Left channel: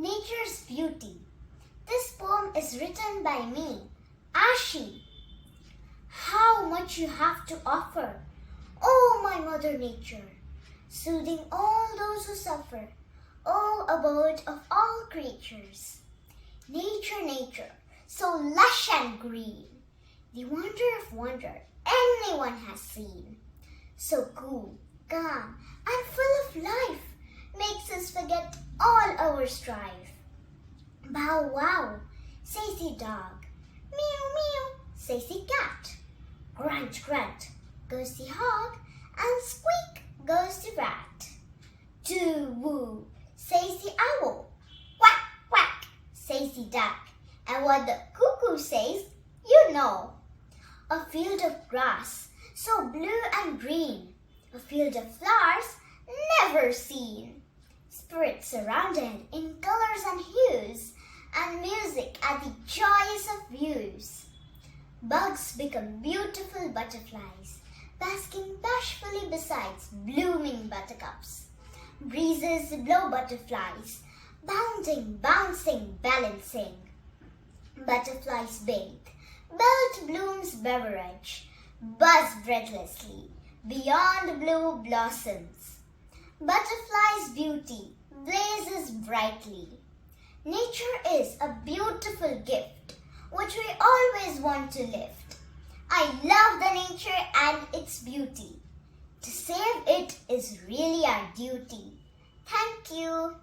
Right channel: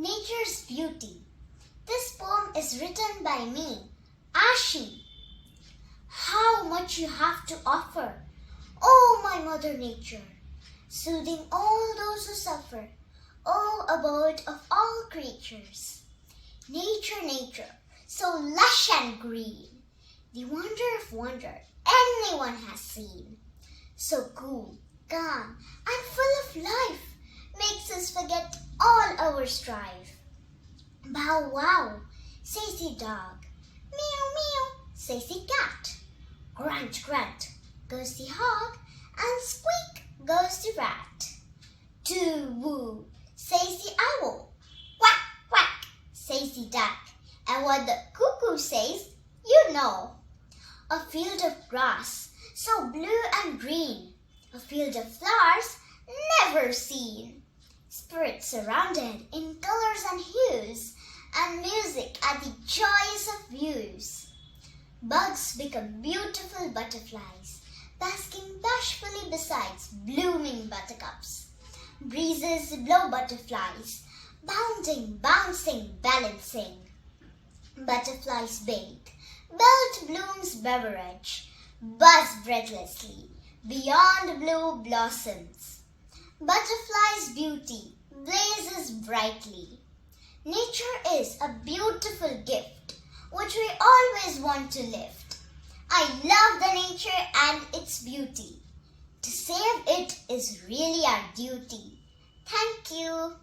Nature's Beauty. This poem is written by me, Aashi. How much you have to offer, oh my Mother Nature, soothing all those who suffer, oh abode of all creatures. Nature, nature, so lush and green, the wonder of wonder anyone has seen. So cool, calm, and full of life, makes us forget all our strife. Bow wow, says the dog. Meow meow, says the cat. Grunt grunt, goes the hog, and squeak goes the rat. Tu-whu, says the owl. Quack quack, says the duck. And what the cuckoo says, you know. A field of grass, so blue and green, a field of flowers never seen. Spirits surrounded in colors and hues, and music at the joyous of views. Bugs become beautiful butterflies, basking bashfully beside blooming buttercups. Breezes blow butterflies, bounding, bouncing, balancing. Butterflies bathe, belt blooms beverage, buzz breathlessly, beyond blue blossoms. Butterfly's beauty blazes brightly. Nature is a beautiful gift which we always want to lift. I love the nature and its beauty. To save it is really our duty. Thank you.